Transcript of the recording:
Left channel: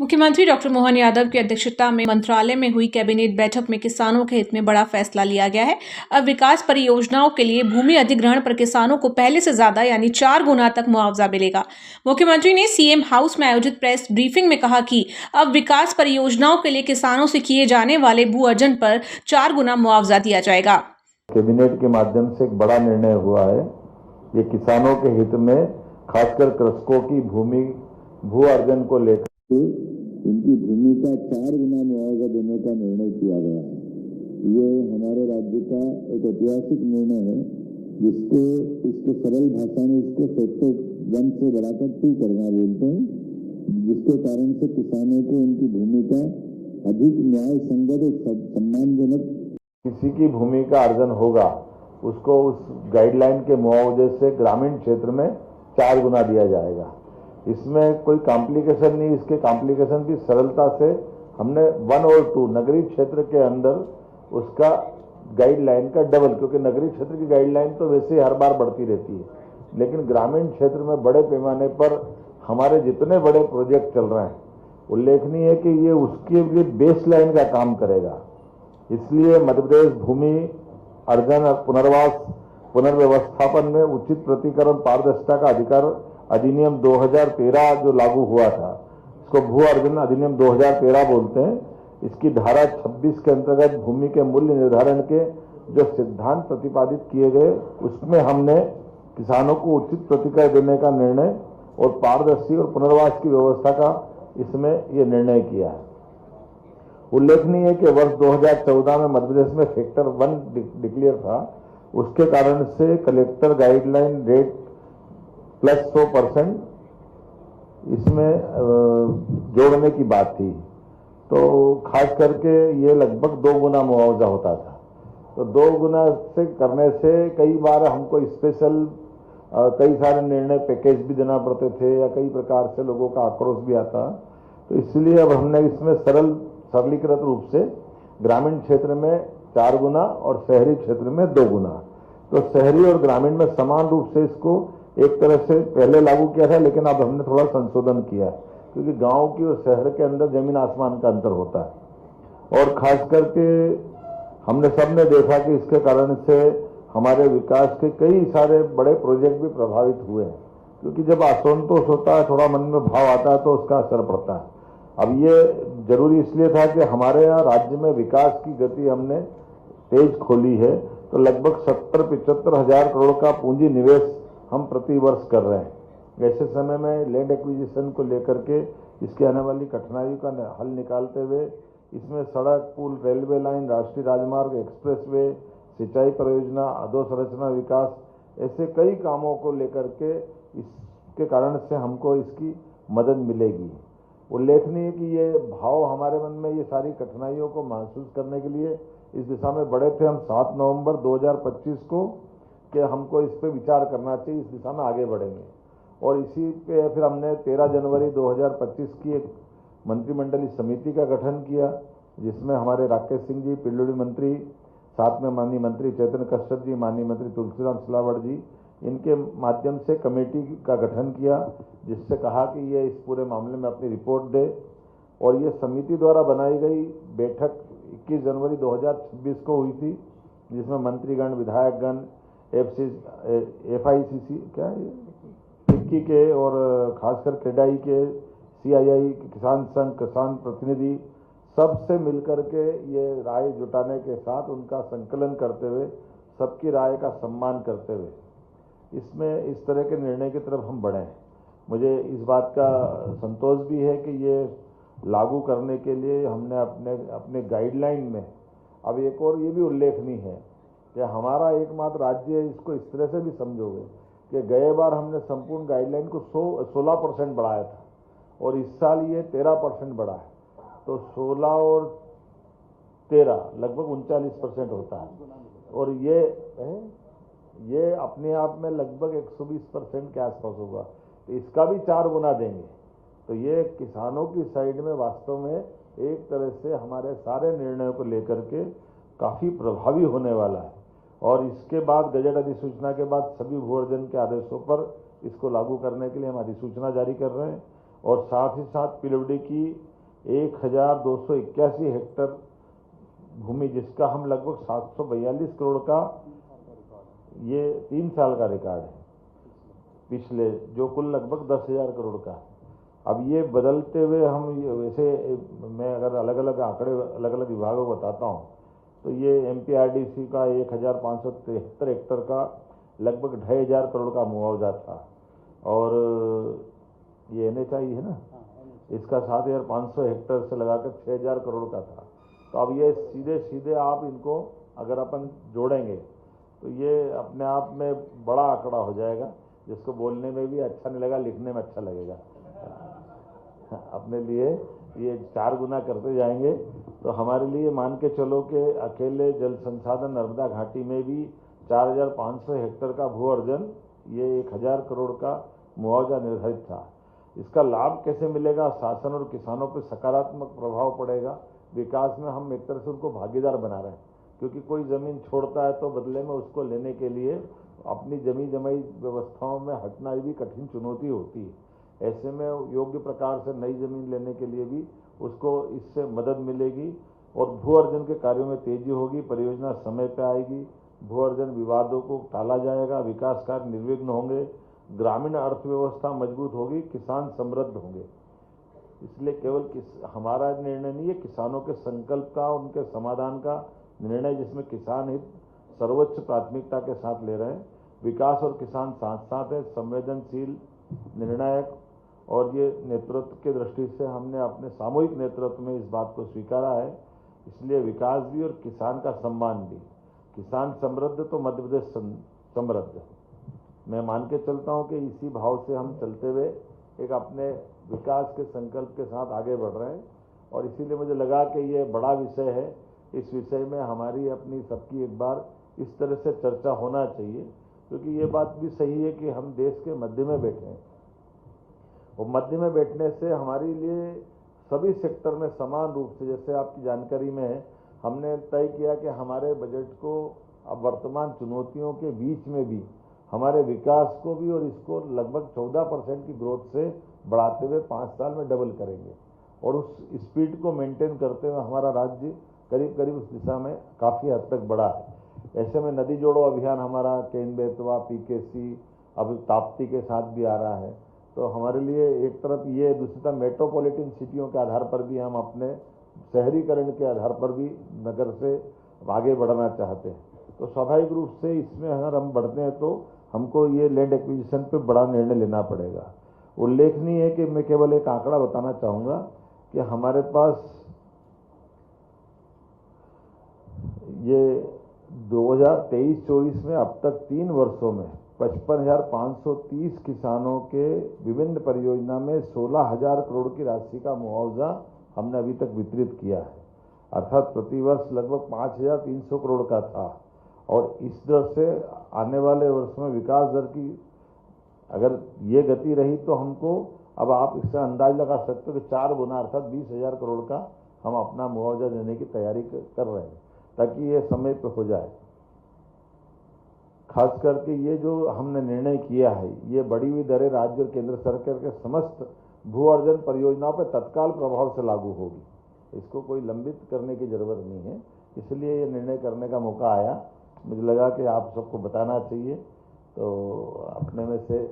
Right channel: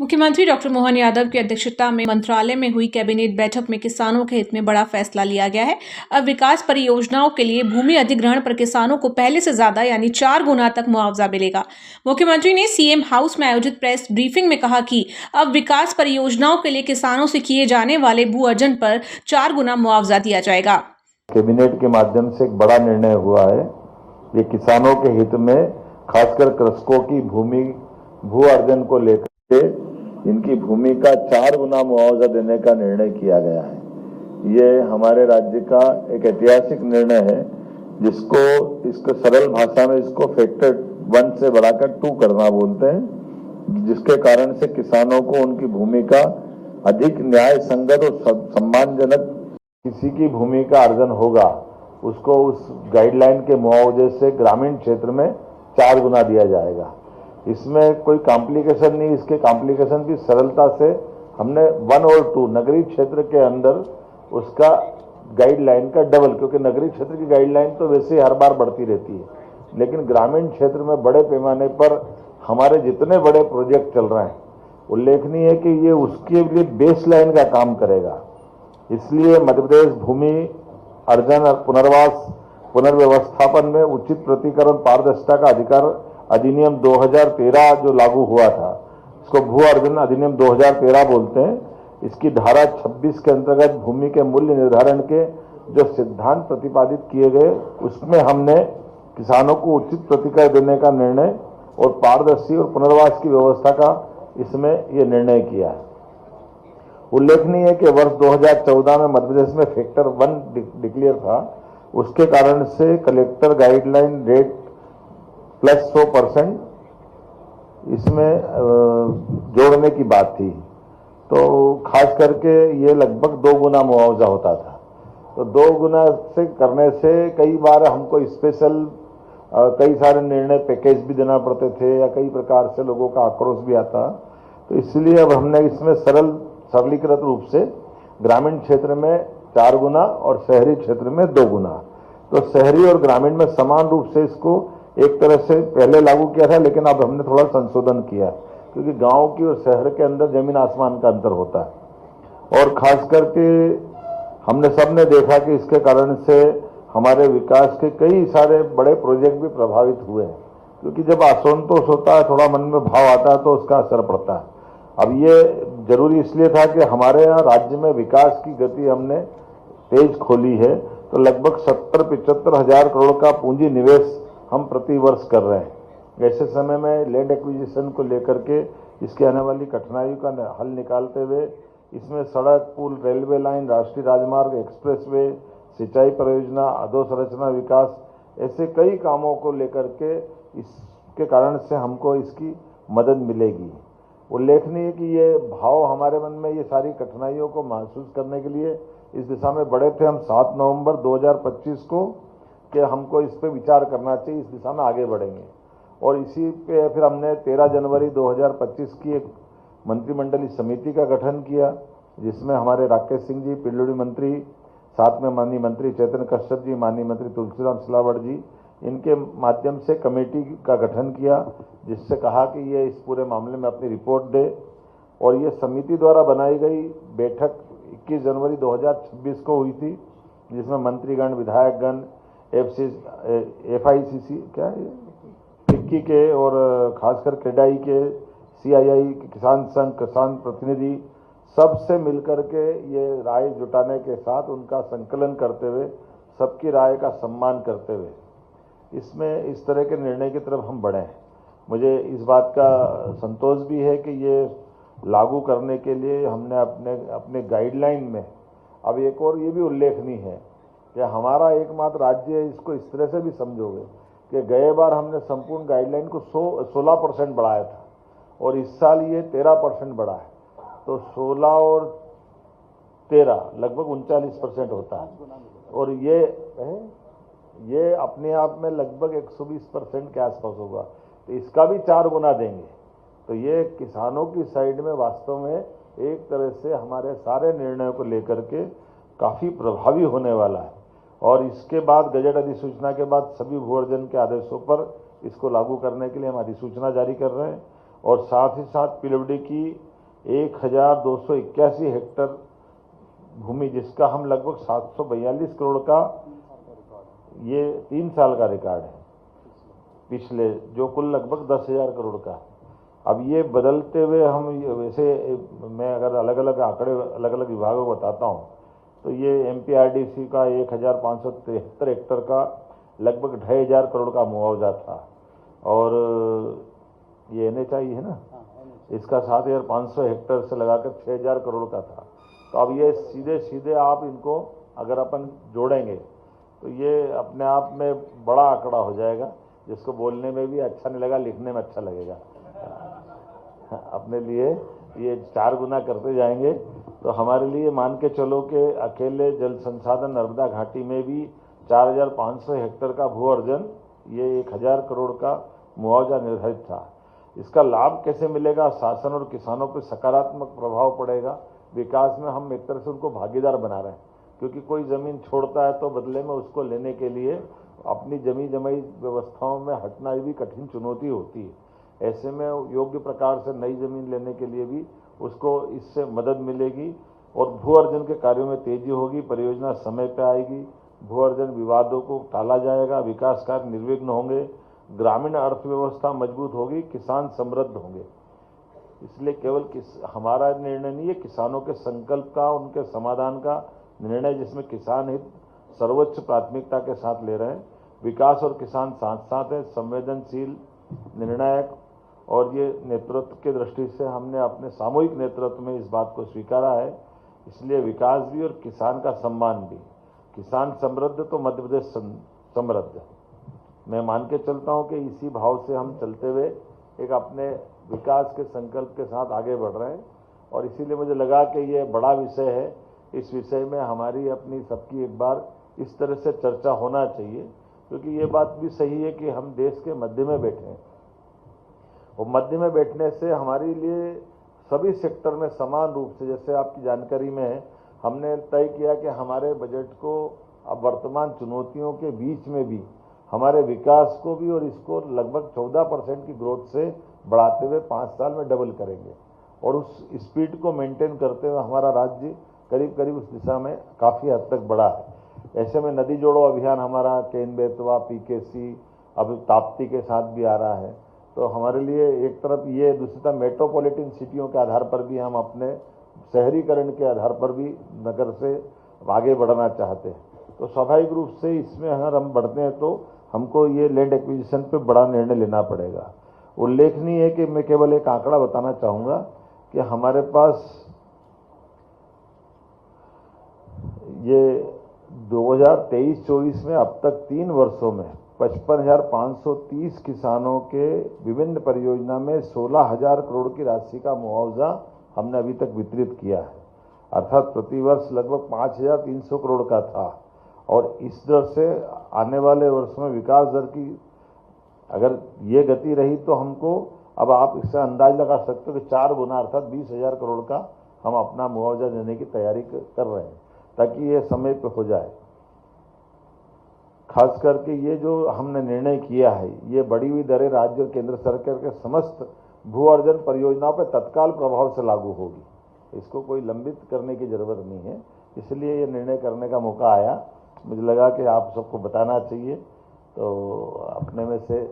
मुख्यमंत्री डॉक्टर मोहन यादव की अध्यक्षता में मंत्रालय में हुई कैबिनेट बैठक में किसानों के हित में बड़ा फैसला लिया गया है। अब विकास परियोजनाओं के लिए भूमि अधिग्रहण पर किसानों को पहले से ज्यादा यानी 4 गुना तक मुआवजा मिलेगा। मुख्यमंत्री ने सीएम हाउस में आयोजित प्रेस ब्रीफिंग में कहा कि अब विकास परियोजनाओं के लिए किसानों से किए जाने वाले भू अर्जन पर 4 गुना मुआवजा दिया जाएगा। कैबिनेट के माध्यम से एक बड़ा निर्णय हुआ है। ये किसानों के हित में, खासकर कृषकों की भू अर्जन को लेकर के इनकी भूमि का 4 गुना मुआवजा देने का निर्णय किया गया है। ये हमारे राज्य का एक ऐतिहासिक निर्णय है, इसको सरल भाषा में इसको फैक्टर 1 से बढ़ाकर 2 करना बोलते हैं, जिसके कारण से किसानों को उनकी भूमि का अधिक न्याय संगत और सम्मानजनक किसी की भूमि का अर्जन होगा, उसको उस गाइडलाइन के मुआवजे से ग्रामीण क्षेत्र में 4 गुना दिया जाएगा। इसमें कोई कॉम्प्लिकेशन नहीं, इसके कॉम्प्लिकेशन भी सरलता से हमने 1 और 2 नगरीय क्षेत्र के अंदर उसका गाइडलाइन का डबल, क्योंकि नगरीय क्षेत्र की गाइडलाइन तो वैसे ही हर बार बढ़ती रहती है, लेकिन ग्रामीण क्षेत्र में बड़े पैमाने पर हमारे जितने बड़े प्रोजेक्ट चल रहे हैं, उल्लेखनीय है कि ये उसके लिए बेस लाइन का काम करेगा। इसलिए मध्य प्रदेश भूमि अर्जन पुनर्व्यवस्थापन में उचित प्रतिकरण पारदर्शिता का अधिकार अधिनियम 2013 जो लागू हुआ था, इसको भू अर्जन अधिनियम 2013 बोलते हैं। इसकी धारा 26 के अंतर्गत भूमि के मूल्य निर्धारण के जो सिद्धांत प्रतिपादित किए गए, उसमें हमने किसानों को उचित प्रतिकर देने का निर्णय और पारदर्शी और पुनर्वास की व्यवस्था का इसमें यह निर्णय किया है। उल्लेखनीय है कि वर्ष 2014 में मध्य प्रदेश में फैक्टर 1 डिक्लेयर था, उसके कारण से कलेक्टर गाइडलाइन रेट प्लस 100% इसमें जोड़ने की बात थी, तो खास करके ये लगभग 2 गुना मुआवजा होता था। तो 2 गुना से करने से कई बार हमको स्पेशल कई सारे निर्णय पैकेज भी देना पड़ते थे, या कई प्रकार से लोगों का आक्रोश भी आता। तो इसलिए अब हमने इसमें सरलीकृत रूप से ग्रामीण क्षेत्र में 4 गुना और शहरी क्षेत्र में 2 गुना, तो शहरी और ग्रामीण में समान रूप से इसको एक तरह से पहले लागू किया था, लेकिन अब हमने थोड़ा संशोधन किया, क्योंकि गांव की और शहर के अंदर जमीन आसमान का अंतर होता है। और खास करके हमने सबने देखा कि इसके कारण से हमारे विकास के कई सारे बड़े प्रोजेक्ट भी प्रभावित हुए हैं, क्योंकि जब असंतोष होता है, थोड़ा मन में भाव आता है, तो उसका असर पड़ता है। अब ये जरूरी इसलिए था कि हमारे यहाँ राज्य में विकास की गति हमने तेज खोली है, तो लगभग 70-75 हजार करोड़ का पूंजी निवेश हम प्रति वर्ष कर रहे हैं। ऐसे समय में लैंड एक्विजिशन को लेकर के इसके आने वाली कठिनाइयों का हल निकालते हुए इसमें सड़क, पुल, रेलवे लाइन, राष्ट्रीय राजमार्ग, एक्सप्रेसवे, सिंचाई परियोजना, अधोसंरचना विकास, ऐसे कई कामों को लेकर के इसके कारण से हमको इसकी मदद मिलेगी। उल्लेखनीय है कि ये भाव हमारे मन में ये सारी कठिनाइयों को महसूस करने के लिए इस दिशा में बढ़े थे। हम 7 नवंबर 2025 को कि हमको इस पर विचार करना चाहिए, इस दिशा में आगे बढ़ेंगे। और इसी पे फिर हमने 13 जनवरी 2025 की एक मंत्रिमंडलीय समिति का गठन किया, जिसमें हमारे राकेश सिंह जी पिल्लूड़ी मंत्री, साथ में माननीय मंत्री चैतन्य कश्यप जी, माननीय मंत्री तुलसीराम सिलावट जी, इनके माध्यम से कमेटी का गठन किया, जिससे कहा कि ये इस पूरे मामले में अपनी रिपोर्ट दे। और ये समिति द्वारा बनाई गई बैठक 21 जनवरी 2026 को हुई थी, जिसमें मंत्रीगण, विधायकगण, FICC फिक्की के और खासकर क्रेडाई के, CII के, किसान संघ, किसान प्रतिनिधि, सबसे मिलकर के ये राय जुटाने के साथ उनका संकलन करते हुए, सबकी राय का सम्मान करते हुए इसमें इस तरह के निर्णय की तरफ हम बढ़े हैं। मुझे इस बात का संतोष भी है कि ये लागू करने के लिए हमने अपने गाइडलाइन में अब एक और ये भी उल्लेखनीय है कि हमारा एकमात्र राज्य है, इसको इस तरह से भी समझोगे कि गए बार हमने संपूर्ण गाइडलाइन को 16% बढ़ाया था, और इस साल ये 13% बढ़ा है, तो 16 और 13 लगभग 39% होता है। और ये अपने आप में लगभग 120% के आसपास होगा, तो इसका भी 4 गुना देंगे। तो ये किसानों की साइड में वास्तव में एक तरह से हमारे सारे निर्णयों को लेकर के काफ़ी प्रभावी होने वाला है। और इसके बाद गजट अधिसूचना के बाद सभी भू अर्जन के आदेशों पर इसको लागू करने के लिए हम अधिसूचना जारी कर रहे हैं। और साथ ही साथ पीडब्ल्यूडी की 1281 हेक्टर भूमि, जिसका हम लगभग 742 करोड़ का, ये 3 साल का रिकॉर्ड है पिछले, जो कुल लगभग 10,000 करोड़ का। अब ये बदलते हुए हम वैसे, मैं अगर अलग अलग आंकड़े अलग अलग विभागों को बताता हूँ तो ये एमपीआरडीसी का 1573 हेक्टर का लगभग 2,500 करोड़ का मुआवजा था, और ये एनएचआई है ना, इसका 7,500 हेक्टर से लगाकर 6,000 करोड़ का था। तो अब ये सीधे सीधे आप इनको अगर अपन जोड़ेंगे तो ये अपने आप में बड़ा आंकड़ा हो जाएगा, जिसको बोलने में भी अच्छा नहीं लगेगा, लिखने में अच्छा लगेगा। अपने लिए ये 4 गुना करते जाएंगे तो हमारे लिए मान के चलो कि अकेले जल संसाधन नर्मदा घाटी में भी 4,500 हेक्टर का भू अर्जन, ये 1,000 करोड़ का मुआवजा निर्धारित था। इसका लाभ कैसे मिलेगा? शासन और किसानों पर सकारात्मक प्रभाव पड़ेगा। विकास में हम एक तरह से उनको भागीदार बना रहे हैं, क्योंकि कोई ज़मीन छोड़ता है तो बदले में उसको लेने के लिए अपनी जमी जमाई व्यवस्थाओं में हटना भी कठिन चुनौती होती है। ऐसे में योग्य प्रकार से नई जमीन लेने के लिए भी उसको इससे मदद मिलेगी और भू अर्जन के कार्यों में तेजी होगी, परियोजना समय पर आएगी, भू अर्जन विवादों को टाला जाएगा, विकास कार्य निर्विघ्न होंगे, ग्रामीण अर्थव्यवस्था मजबूत होगी, किसान समृद्ध होंगे। इसलिए केवल हमारा निर्णय नहीं है, किसानों के संकल्प का, उनके समाधान का निर्णय, जिसमें किसान हित सर्वोच्च प्राथमिकता के साथ ले रहे हैं। विकास और किसान साथ साथ है, संवेदनशील, निर्णायक, और ये नेतृत्व की दृष्टि से हमने अपने सामूहिक नेतृत्व में इस बात को स्वीकारा है। इसलिए विकास भी और किसान का सम्मान भी। किसान समृद्ध तो मध्य प्रदेश समृद्ध। मैं मान के चलता हूँ कि इसी भाव से हम चलते हुए एक अपने विकास के संकल्प के साथ आगे बढ़ रहे हैं, और इसीलिए मुझे लगा कि ये बड़ा विषय है। इस विषय में हमारी अपनी सबकी एक बार इस तरह से चर्चा होना चाहिए, क्योंकि ये बात भी सही है कि हम देश के मध्य में बैठे हैं, और मध्य में बैठने से हमारे लिए सभी सेक्टर में समान रूप से, जैसे आपकी जानकारी में है, हमने तय किया कि हमारे बजट को अब वर्तमान चुनौतियों के बीच में भी हमारे विकास को भी और इसको लगभग 14% की ग्रोथ से बढ़ाते हुए 5 साल में डबल करेंगे, और उस स्पीड को मेंटेन करते हुए हमारा राज्य करीब करीब उस दिशा में काफ़ी हद तक बढ़ा है। ऐसे में नदी जोड़ो अभियान हमारा केन बेतवा, पीकेसी, अब ताप्ती के साथ भी आ रहा है। तो हमारे लिए एक तरफ ये, दूसरी तरफ मेट्रोपॉलिटन सिटियों के आधार पर भी हम अपने शहरीकरण के आधार पर भी नगर से आगे बढ़ना चाहते हैं। तो स्वाभाविक रूप से इसमें अगर हम बढ़ते हैं तो हमको ये लैंड एक्विजिशन पे बड़ा निर्णय लेना पड़ेगा। उल्लेखनीय है कि मैं केवल एक आंकड़ा बताना चाहूँगा कि हमारे पास ये 2023-24 में अब तक 3 वर्षों में 55,530 किसानों के विभिन्न परियोजना में 16,000 करोड़ की राशि का मुआवजा हमने अभी तक वितरित किया है। अर्थात प्रतिवर्ष लगभग 5,300 करोड़ का था, और इस दर से आने वाले वर्ष में विकास दर की अगर ये गति रही तो हमको, अब आप इससे अंदाज लगा सकते हो कि 4 गुना अर्थात 20,000 करोड़ का हम अपना मुआवजा देने की तैयारी कर रहे हैं, ताकि ये समय पर हो जाए। खास करके ये जो हमने निर्णय किया है, ये बढ़ी हुई दरें राज्य और केंद्र सरकार के समस्त भू अर्जन परियोजनाओं पर तत्काल प्रभाव से लागू होगी। इसको कोई लंबित करने की जरूरत नहीं है, इसलिए ये निर्णय करने का मौका आया। मुझे लगा कि आप सबको बताना चाहिए, तो अपने में से